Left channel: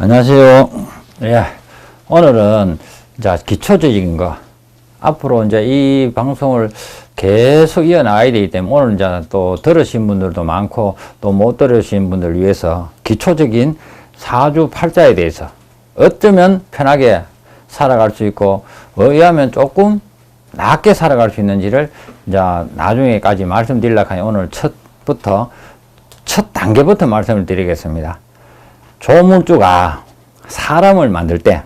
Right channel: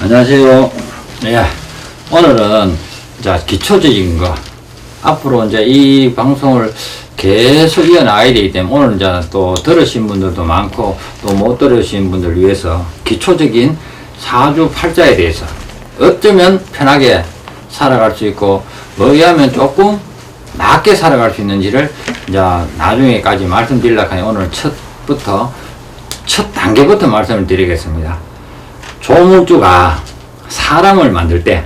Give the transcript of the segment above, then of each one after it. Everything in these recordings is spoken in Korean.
안녕하세요. 예, 오늘은 이제 기초적인 거 앞으로 이제 이 방송을 계속 이어나가야 되기 때문에 오늘 이제 또 들으신 분들도 많고 또 못 들으신 분들 위해서 기초적인 사주팔자에 대해서 어쩌면 편하게 살아갈 수 있고 뭐하면 조금 낮게 살아갈 수 있는지를 이제 나중에까지 말씀드리려고 하니 오늘 첫 단계부터 말씀을 드리겠습니다. 조물주가 사람을 만들 때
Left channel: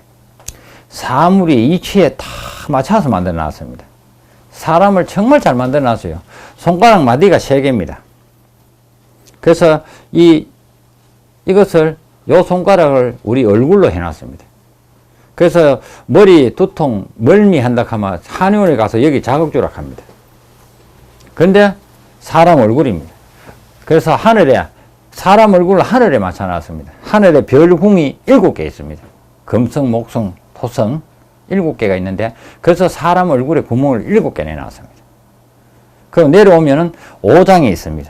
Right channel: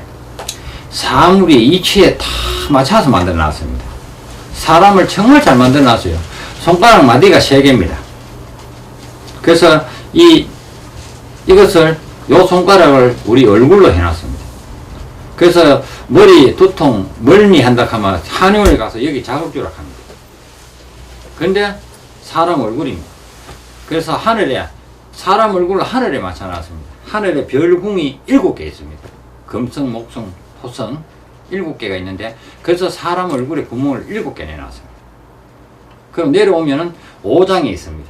사물이 이치에 다 맞춰서 만들어 놨습니다. 사람을 정말 잘 만들어 놨어요. 손가락 마디가 3개입니다. 그래서 이것을 요 손가락을 우리 얼굴로 해놨습니다. 그래서 머리 두통 멀미한다 하면 한의원에 가서 여기 자극주락 합니다. 근데 사람 얼굴입니다. 그래서 하늘에 사람 얼굴을 하늘에 맞춰놨습니다. 하늘에 별궁이 7개 있습니다. 금성, 목성, 토성 7개가 있는데 그래서 사람 얼굴에 구멍을 7개 내놨습니다. 그럼 내려오면은 5장이 있습니다.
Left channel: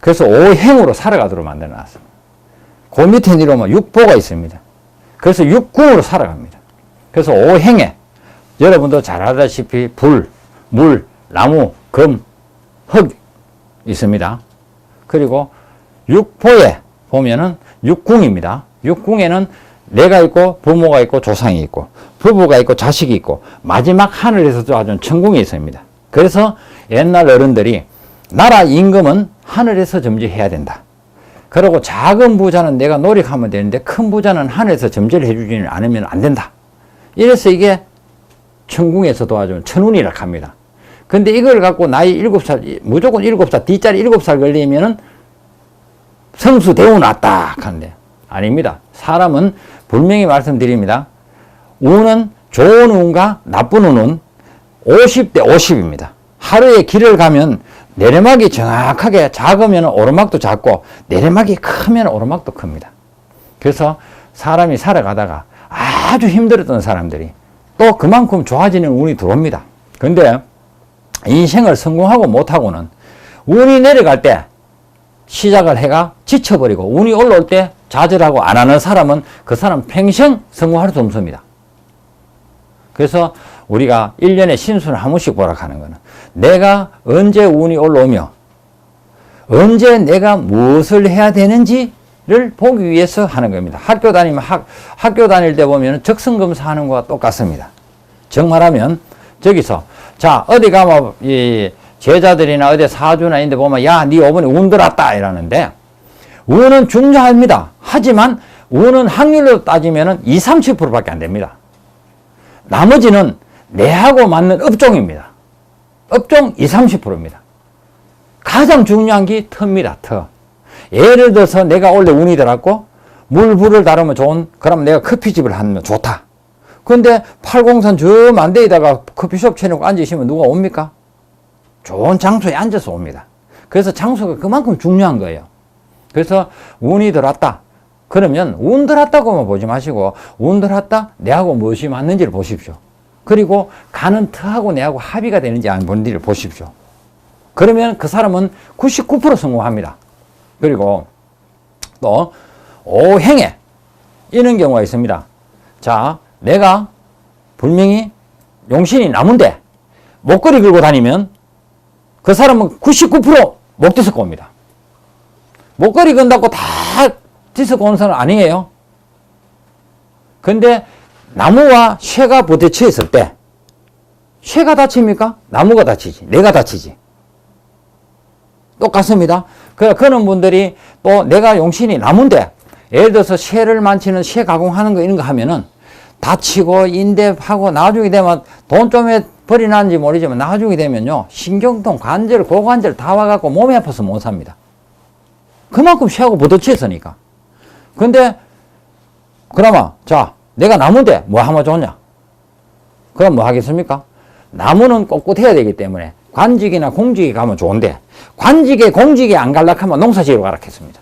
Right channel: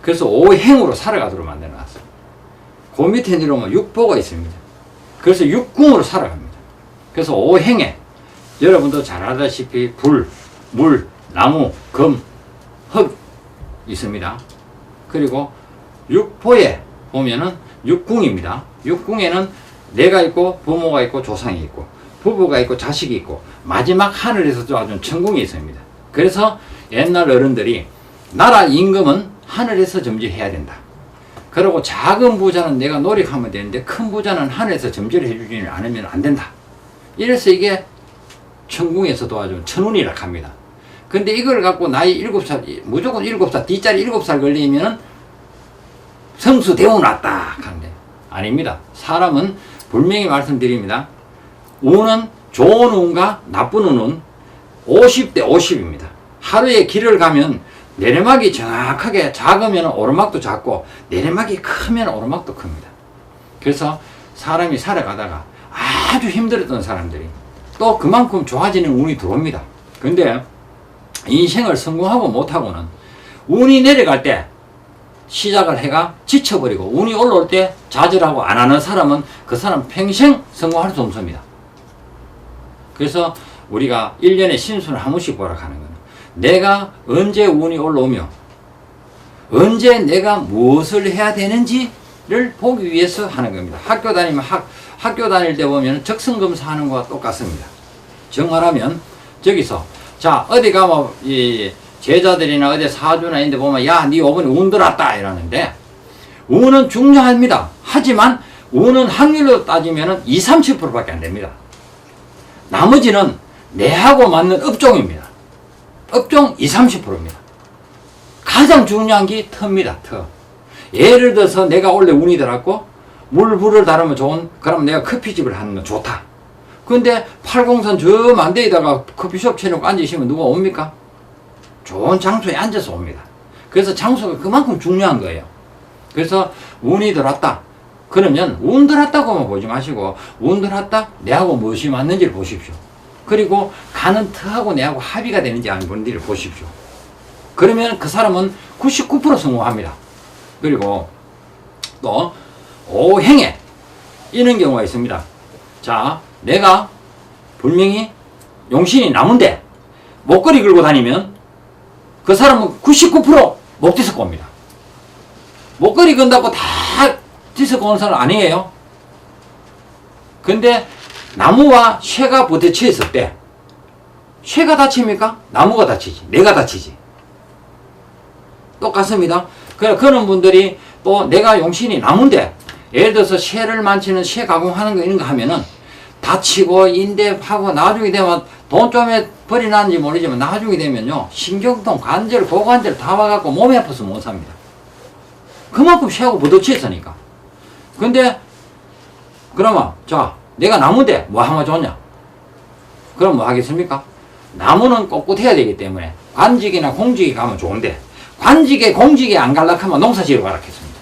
그래서 5행으로 살아가도록 만들어놨습니다. 그 밑에 내려오면 6보가 있습니다. 그래서 6궁으로 살아갑니다. 그래서 5행에 여러분도 잘 알다시피 불, 물, 나무, 금, 흙 있습니다. 그리고 6보에 보면은 6궁입니다. 6궁에는 내가 있고 부모가 있고 조상이 있고 부부가 있고 자식이 있고 마지막 하늘에서 도와준 천궁이 있습니다. 그래서 옛날 어른들이 나라 임금은 하늘에서 점지해야 된다. 그리고 작은 부자는 내가 노력하면 되는데 큰 부자는 하늘에서 점지를 해주지는 않으면 안 된다. 이래서 이게 천궁에서 도와준 천운이라고 합니다. 근데 이걸 갖고 나이 7살 무조건 7살 뒷자리 7살 걸리면은 성수 대운 왔다 하는데 아닙니다. 사람은 분명히 말씀드립니다. 운은 좋은 운과 나쁜 운은 50대 50입니다. 하루에 길을 가면 내리막이 정확하게 작으면 오르막도 작고 내리막이 크면 오르막도 큽니다. 그래서 사람이 살아가다가 아주 힘들었던 사람들이 또 그만큼 좋아지는 운이 들어옵니다. 근데 인생을 성공하고 못하고는 운이 내려갈 때 시작을 해가 지쳐버리고 운이 올라올 때 좌절하고 안 하는 사람은 그 사람 평생 성공할 수 없습니다. 그래서 우리가 1년에 신수를 한 번씩 보라 하는 거는 내가 언제 운이 올라오며 언제 내가 무엇을 해야 되는지를 보기 위해서 하는 겁니다. 학교 다니면 학교 다닐 때 보면 적성검사 하는 거와 똑같습니다. 정말하면 저기서 자 어디 가면 이 제자들이나 어디 사주나 있는데 보면 야, 네 어머니 운 들었다 이러는데 운은 중요합니다. 하지만 운은 확률로 따지면 20, 30%밖에 안 됩니다. 나머지는 내하고 맞는 업종입니다. 업종 20, 30%입니다. 가장 중요한 게 터입니다. 터. 예를 들어서 내가 원래 운이 들었고 물불을 다루면 좋은 그러면 내가 커피집을 하면 좋다. 근데 팔공산 저 만대에다가 커피숍 쳐놓고 앉으시면 누가 옵니까? 좋은 장소에 앉아서 옵니다. 그래서 장소가 그만큼 중요한 거예요. 그래서 운이 들었다. 그러면 운 들었다고만 보지 마시고 운 들었다? 내하고 무엇이 맞는지를 보십시오. 그리고 가는 터하고 내하고 합의가 되는지 안 보는지를 보십시오. 그러면 그 사람은 99% 성공합니다. 그리고 또 오행에 이런 경우가 있습니다. 자, 내가 분명히 용신이 나무인데 목걸이 걸고 다니면 그 사람은 99% 못 뒤섞고 옵니다. 목걸이 건다고 다 뒤섞고 오는 사람은 아니에요. 근데 나무와 쇠가 부딪혀 있을 때 쇠가 다칩니까? 나무가 다치지. 내가 다치지. 똑같습니다. 그런 분들이 또 내가 용신이 나무인데 예를 들어서 쇠를 만지는 쇠 가공하는 거 이런 거 하면은 다치고 인대하고 나중에 되면 돈 좀 벌이 나는지 모르지만 나중에 되면요 신경통, 관절, 고관절 다 와갖고 몸이 아파서 못 삽니다. 그만큼 쇠하고 부딪혀 있으니까. 근데 그나마 자 내가 나무인데 뭐 하면 좋냐? 그럼 뭐 하겠습니까? 나무는 꼿꼿해야 되기 때문에 관직이나 공직이 가면 좋은데 관직에 공직에 안 갈락하면 농사지으러 가락했습니다.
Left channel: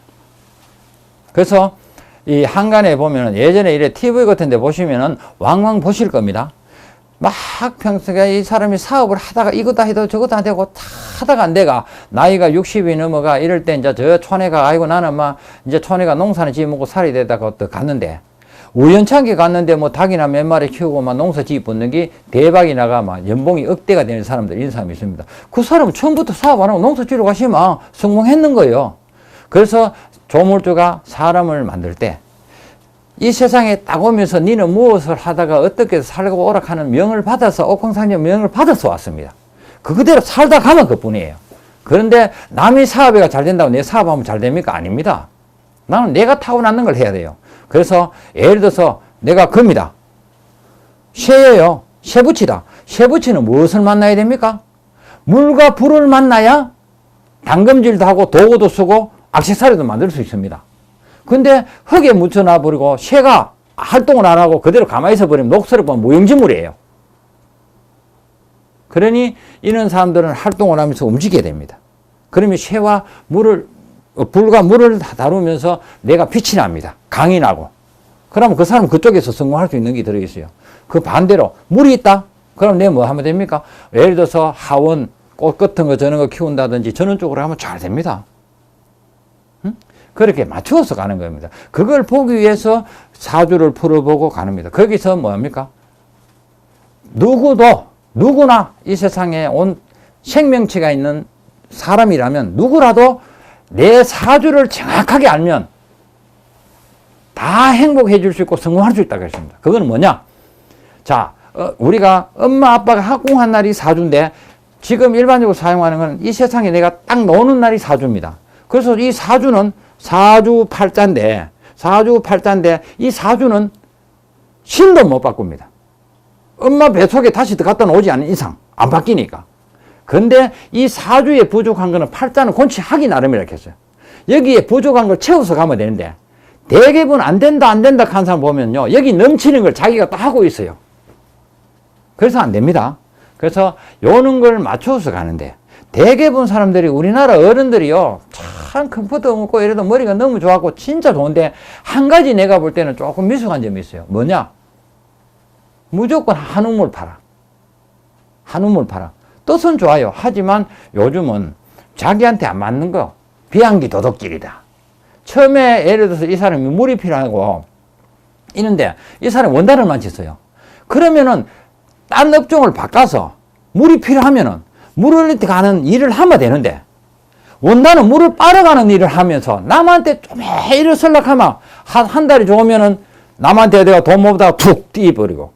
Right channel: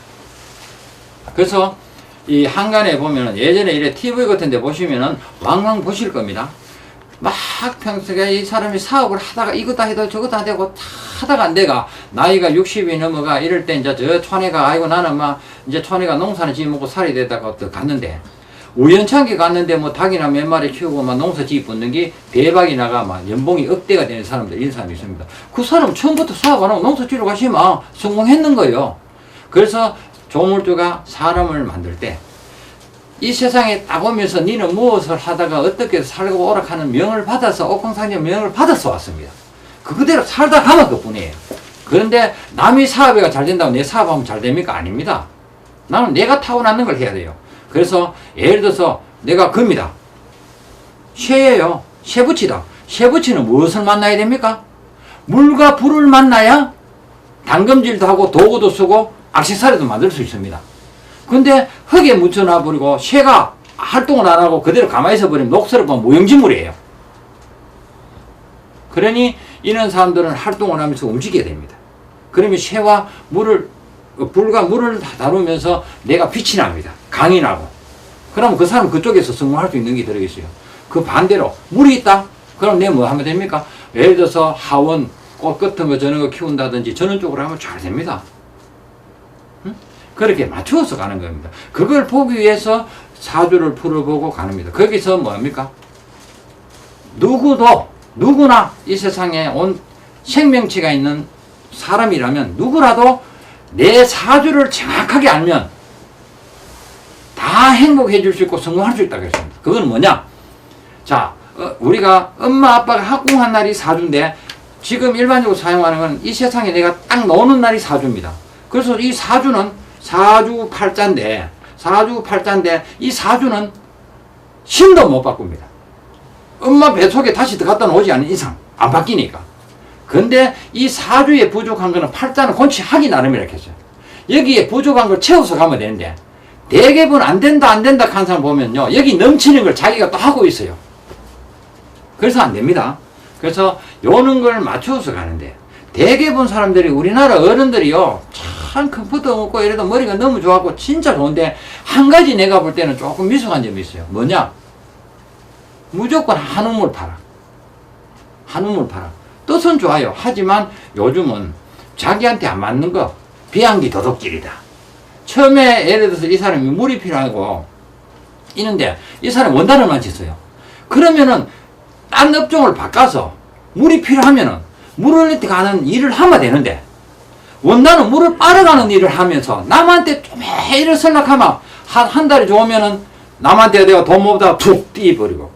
그래서 이 한간에 보면은 예전에 이래 TV 같은 데 보시면은 왕왕 보실 겁니다. 막 평소에 이 사람이 사업을 하다가 이것도 해도 저것도 안 되고 다 하다가 안 돼가 나이가 60이 넘어가 이럴 때 이제 저 촌에가 아이고 나는 막 이제 촌에가 농사는 지어먹고 살이 되다가 갔는데 우연찮게 갔는데 뭐 닭이나 몇 마리 키우고 막 농사 짓는 게 대박이 나가 막 연봉이 억대가 되는 사람들, 이런 사람이 있습니다. 그 사람은 처음부터 사업 안 하고 농사 지으러 가시면 성공했는 거예요. 그래서 조물주가 사람을 만들 때 이 세상에 딱 오면서 니는 무엇을 하다가 어떻게 살고 오락하는 명을 받아서, 옥황상제 명을 받아서 왔습니다. 그대로 살다 가면 그뿐이에요. 그런데 남이 사업이 잘 된다고 내 사업하면 잘 됩니까? 아닙니다. 나는 내가 타고나는 걸 해야 돼요. 그래서 예를 들어서 내가 금이다. 쇠예요. 쇠붙이다. 쇠붙이는 무엇을 만나야 됩니까? 물과 불을 만나야 당금질도 하고 도구도 쓰고 액세서리도 만들 수 있습니다. 근데 흙에 묻혀놔버리고 쇠가 활동을 안 하고 그대로 가만히 있어버리면 녹슬어버리면 무용지물이에요. 그러니 이런 사람들은 활동을 하면서 움직여야 됩니다. 그러면 쇠와 물을, 불과 물을 다루면서 내가 빛이 납니다. 강이 나고. 그러면 그 사람은 그쪽에서 성공할 수 있는 게 들어있어요. 그 반대로 물이 있다? 그럼 내가 뭐 하면 됩니까? 예를 들어서 하원, 꽃 같은 거 저런 거 키운다든지 저런 쪽으로 하면 잘 됩니다. 응? 그렇게 맞추어서 가는 겁니다. 그걸 보기 위해서 사주를 풀어보고 가는 겁니다. 거기서 뭐 합니까? 누구나 이 세상에 온 생명체가 있는 사람이라면 누구라도 내 사주를 정확하게 알면 다 행복해 줄 수 있고 성공할 수 있다고 했습니다. 그건 뭐냐? 자, 우리가 엄마 아빠가 합공한 날이 사주인데 지금 일반적으로 사용하는 건 이 세상에 내가 딱 넣는 날이 사주입니다. 그래서 이 사주는 사주팔자인데 이 사주는 신도 못 바꿉니다. 엄마 뱃속에 다시 갖다 놓지 않은 이상 안 바뀌니까. 근데 이 사주에 부족한 거는 팔자는 권치하기 나름이라 했어요. 여기에 부족한 걸 채워서 가면 되는데 대개분 안 된다 하는 사람 보면요, 여기 넘치는 걸 자기가 또 하고 있어요. 그래서 안 됩니다. 그래서 요런 걸 맞춰서 가는데 대개분 사람들이, 우리나라 어른들이요 참 컴퓨터 먹고 이래도 머리가 너무 좋았고 진짜 좋은데 한 가지 내가 볼 때는 조금 미숙한 점이 있어요. 뭐냐? 무조건 한우물 팔아. 한우물 팔아. 뜻은 좋아요. 하지만 요즘은 자기한테 안 맞는 거 비양기 도둑질이다. 처음에 예를 들어서 이 사람이 물이 필요하고 있는데 이 사람이 원단을만 쳤어요. 그러면은 다른 업종을 바꿔서 물이 필요하면은 물을 가는 일을 하면 되는데 원단은 물을 빨아가는 일을 하면서 남한테 매일 설락하면 한 달이 좋으면은 남한테 내가 돈 못하고 툭 뛰어버리고,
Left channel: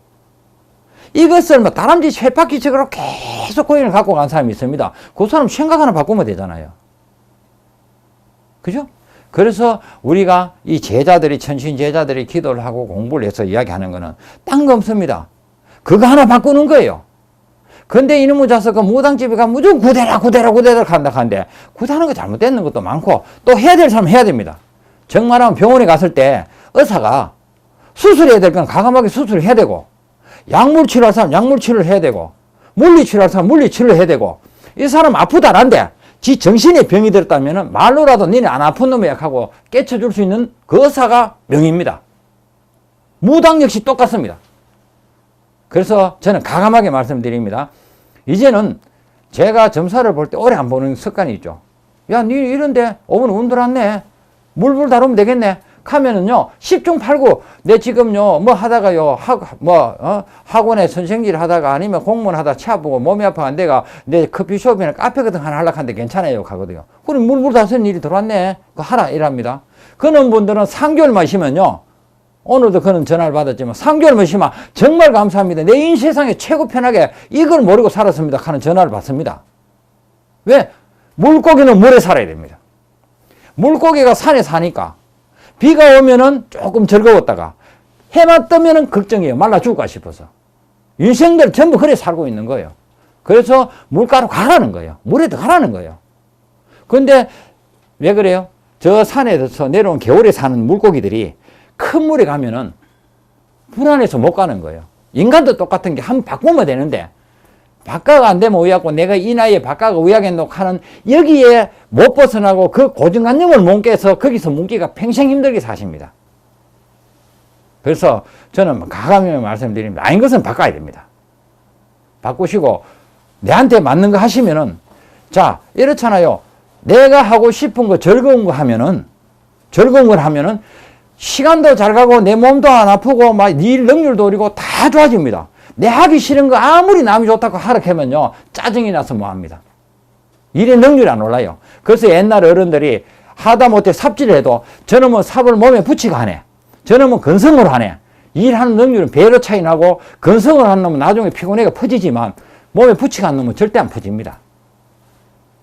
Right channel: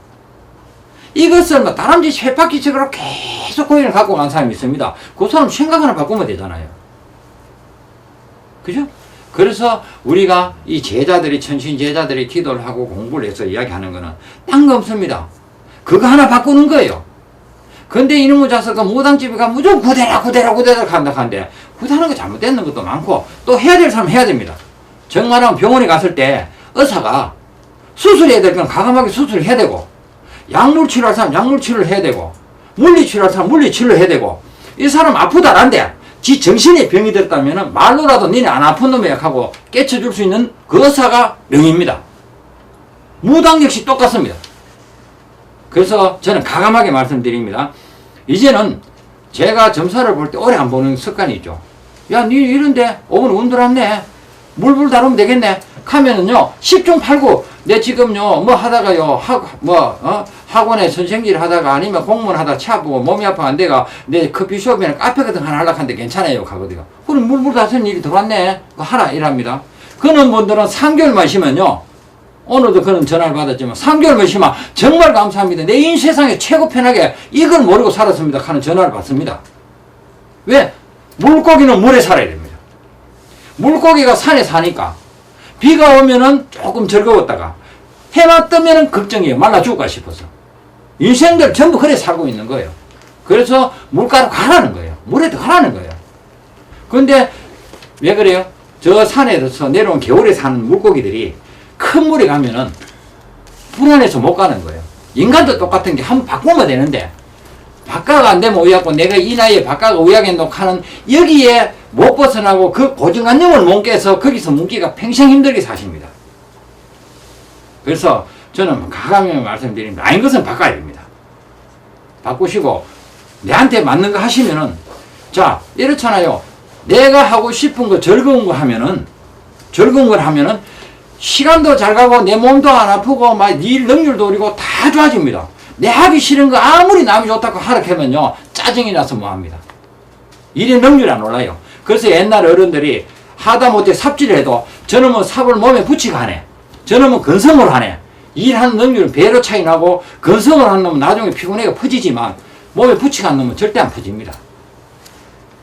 이것을 뭐 다람쥐 쳇바퀴식으로 계속 고인을 갖고 간 사람이 있습니다. 그 사람 생각 하나 바꾸면 되잖아요. 그죠? 그래서 우리가 이 제자들이, 천신 제자들이 기도를 하고 공부를 해서 이야기하는 거는 딴 거 없습니다. 그거 하나 바꾸는 거예요. 근데 이놈의 자석은 무당집에 가면 무조건 구대라 간다 하는데, 구대하는 거 잘못되는 것도 많고 또 해야 될 사람 해야 됩니다. 정말하면 병원에 갔을 때 의사가 수술해야 될 건 과감하게 수술을 해야 되고, 약물 치료할 사람 약물 치료를 해야 되고, 물리 치료할 사람 물리 치료를 해야 되고, 이 사람 아프다란데 지 정신에 병이 들었다면 말로라도 니네 안 아픈 놈이야 하고 깨쳐줄 수 있는 그 의사가 명입니다. 무당 역시 똑같습니다. 그래서 저는 과감하게 말씀드립니다. 이제는 제가 점사를 볼 때 오래 안 보는 습관이 있죠. 야, 니 이런데 오늘 운들 왔네. 물불 다루면 되겠네. 하면은요, 10중 8구, 내 지금요, 뭐 하다가요, 학원에 선생질 하다가 아니면 공무원 하다가 차 아프고 몸이 아파 안 돼가 내 커피숍이나 카페 같은 거 하나 하려고 하는데 괜찮아요. 가거든요. 그럼 물불 다쓰는 일이 들어왔네. 그거 하라. 이랍니다. 그런 분들은 3개월 마시면요, 오늘도 그런 전화를 받았지만 3개월 마시면 정말 감사합니다. 내 인생 세상에 최고 편하게 이걸 모르고 살았습니다. 하는 전화를 받습니다. 왜? 물고기는 물에 살아야 됩니다. 물고기가 산에 사니까 비가 오면은 조금 즐거웠다가 해만 뜨면은 걱정이에요. 말라 죽을까 싶어서. 인생들 전부 그래 살고 있는 거예요. 그래서 물가로 가라는 거예요. 물에 들어가라는 거예요. 근데 왜 그래요? 저 산에서 내려온 겨울에 사는 물고기들이 큰 물에 가면은 불안해서 못 가는 거예요. 인간도 똑같은 게 한번 바꾸면 되는데 바꿔가 안 되면 우야고, 내가 이 나이에 바꿔가 우야겠노 하는 여기에 못 벗어나고 그 고정관념을 못 깨서 거기서 뭉기가 평생 힘들게 사십니다. 그래서 저는 가감하게 말씀드립니다. 아닌 것은 바꿔야 됩니다. 바꾸시고 내한테 맞는 거 하시면은, 자, 이렇잖아요. 내가 하고 싶은 거 즐거운 거 하면은 시간도 잘 가고 내 몸도 안 아프고 막 일 능률도 오르고 다 좋아집니다. 내 하기 싫은 거 아무리 남이 좋다고 하락하면요 짜증이 나서 뭐합니다. 일이 능률이 안 올라요. 그래서 옛날 어른들이 하다못해 삽질을 해도 저놈은 삽을 몸에 붙이고 하네, 저놈은 건성을 하네, 일하는 능률은 배로 차이 나고 건성을 하는 놈은 나중에 피곤해가 퍼지지만 몸에 붙이고 하는 놈은 절대 안 퍼집니다.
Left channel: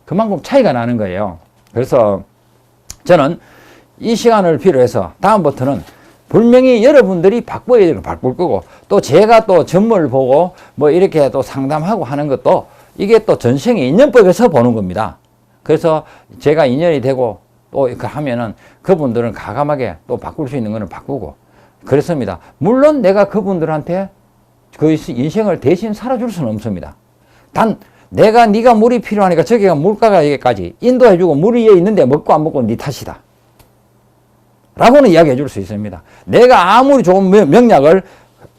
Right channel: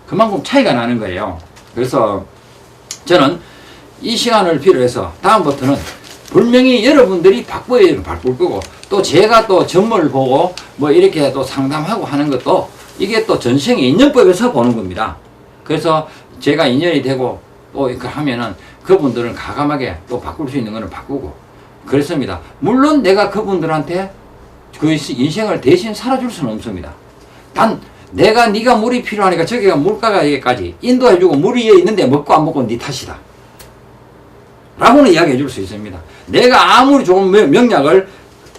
그만큼 차이가 나는 거예요. 그래서 저는 이 시간을 필요해서 다음부터는 분명히 여러분들이 바꿔야 되는 바꿀 거고, 또 제가 또 전문을 보고 뭐 이렇게 또 상담하고 하는 것도 이게 또 전생의 인연법에서 보는 겁니다. 그래서 제가 인연이 되고 또 이렇게 하면은 그분들은 과감하게 또 바꿀 수 있는 거는 바꾸고 그렇습니다. 물론 내가 그분들한테 그 인생을 대신 살아줄 수는 없습니다. 단 내가 네가 물이 필요하니까 저기가 물가가 여기까지 인도해주고 물 위에 있는데 먹고 안 먹고 네 탓이다 라고는 이야기해 줄 수 있습니다. 내가 아무리 좋은 명약을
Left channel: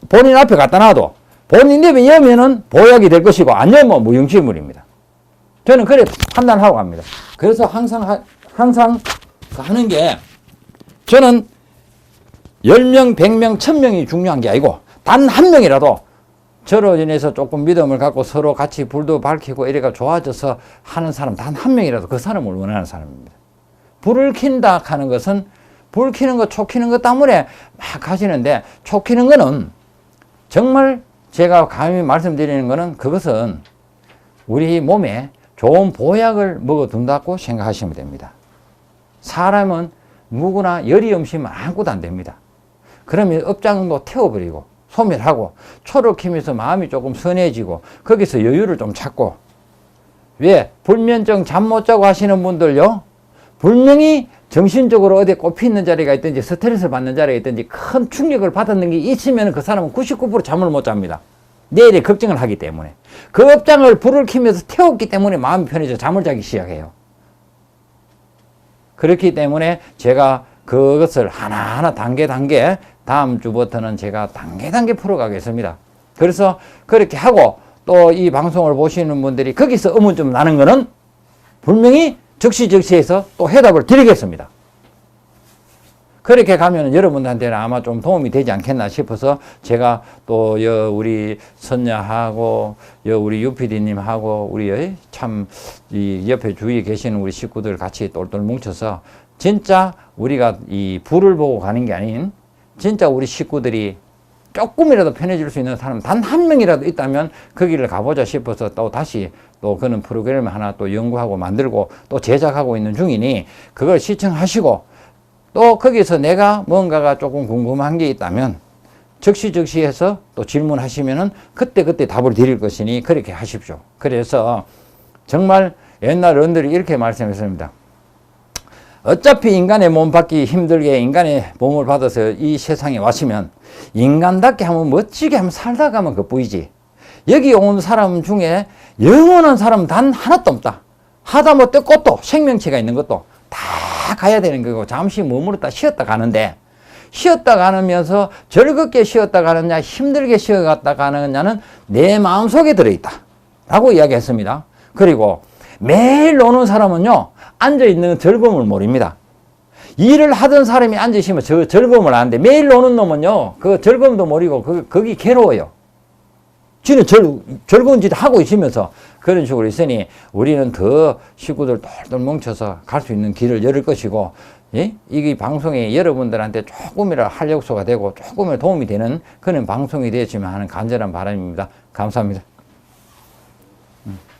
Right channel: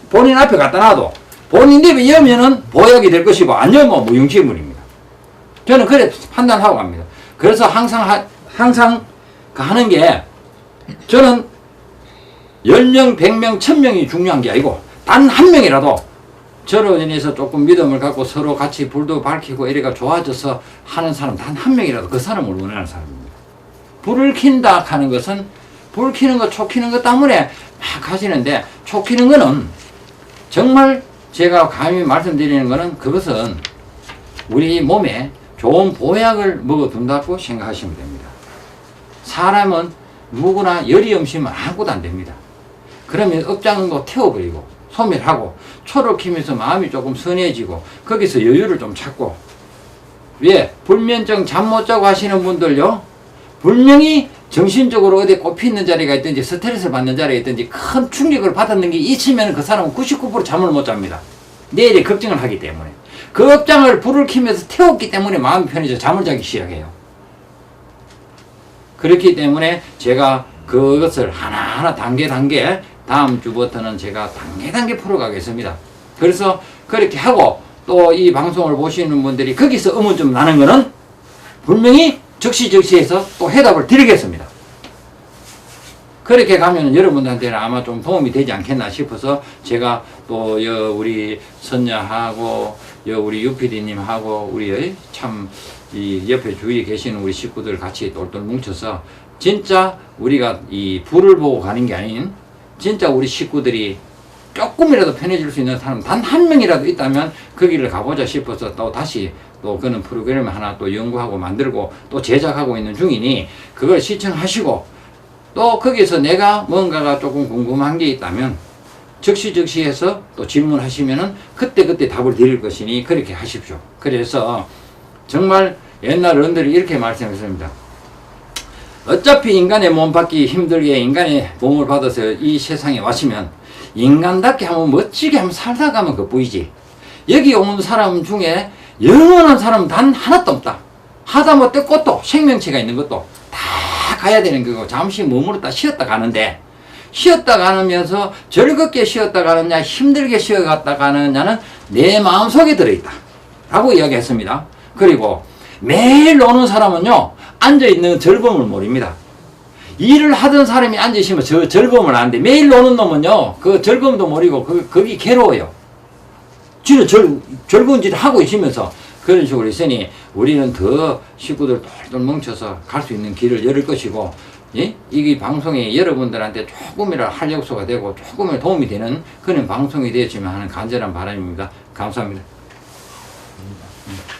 본인 앞에 갖다 놔도 본인 입에 여면은 보약이 될 것이고 안 여면 무용지물입니다. 저는 그래 판단하고 갑니다. 그래서 항상 하는 게, 저는 10명, 100명, 1000명이 중요한 게 아니고 단 한 명이라도 저로 인해서 조금 믿음을 갖고 서로 같이 불도 밝히고 이래가 좋아져서 하는 사람 단 한 명이라도 그 사람을 원하는 사람입니다. 불을 킨다 하는 것은 불 켜는 거, 초 켜는 것 때문에 막 하시는데, 초 켜는 거는 정말 제가 감히 말씀드리는 거는 그것은 우리 몸에 좋은 보약을 먹어둔다고 생각하시면 됩니다. 사람은 누구나 열이 엄시면 아무것도 안 됩니다. 그러면 업장도 태워버리고 소멸하고 초를 키면서 마음이 조금 선해지고 거기서 여유를 좀 찾고, 왜? 불면증 잠 못 자고 하시는 분들요, 분명히 정신적으로 어디 꼽히 있는 자리가 있든지 스트레스를 받는 자리가 있든지 큰 충격을 받았는 게 있으면 그 사람은 99% 잠을 못 잡니다. 내일에 걱정을 하기 때문에. 그 업장을 불을 켜면서 태웠기 때문에 마음이 편해져 잠을 자기 시작해요. 그렇기 때문에 제가 그것을 하나하나 단계 다음 주부터는 제가 단계 풀어가겠습니다. 그래서 그렇게 하고 또 이 방송을 보시는 분들이 거기서 의문점 나는 거는 분명히 적시해서 또 해답을 드리겠습니다. 그렇게 가면 여러분들한테는 아마 좀 도움이 되지 않겠나 싶어서 제가 또 우리 선녀하고 우리 유PD님하고 우리 참 이 옆에 주위에 계시는 우리 식구들 같이 똘똘 뭉쳐서 진짜 우리가 이 불을 보고 가는 게 아닌 진짜 우리 식구들이 조금이라도 편해질 수 있는 사람 단 한 명이라도 있다면 거기를 가보자 싶어서 또 다시 또 그런 프로그램을 하나 또 연구하고 만들고 또 제작하고 있는 중이니 그걸 시청하시고 또 거기서 내가 뭔가가 조금 궁금한 게 있다면 적시해서 또 질문하시면은 그때 답을 드릴 것이니 그렇게 하십시오. 그래서 정말 옛날 어른들이 이렇게 말씀했습니다. 어차피 인간의 몸 받기 힘들게 인간의 몸을 받아서 이 세상에 왔으면 인간답게 한번 멋지게 한번 살다 가면 그뿐이지. 여기 온 사람 중에 영원한 사람은 단 하나도 없다. 하다못해 꽃도 생명체가 있는 것도 다 가야 되는 거고 잠시 머무르다 쉬었다 가는데 쉬었다 가면서 즐겁게 쉬었다 가느냐 힘들게 쉬어갔다 가느냐는 내 마음속에 들어있다 라고 이야기했습니다. 그리고 매일 노는 사람은요 앉아있는 즐거움을 모릅니다. 일을 하던 사람이 앉아있으면 저 즐거움을 아는데 매일 노는 놈은요 그 즐거움도 모르고 거기 괴로워요. 지는 즐거운 짓을 하고 있으면서 그런 식으로 있으니 우리는 더 식구들 똘똘 뭉쳐서 갈 수 있는 길을 열을 것이고, 예? 이게 방송이 여러분들한테 조금이라 활력소가 되고 조금이라 도움이 되는 그런 방송이 되었으면 하는 간절한 바람입니다. 감사합니다.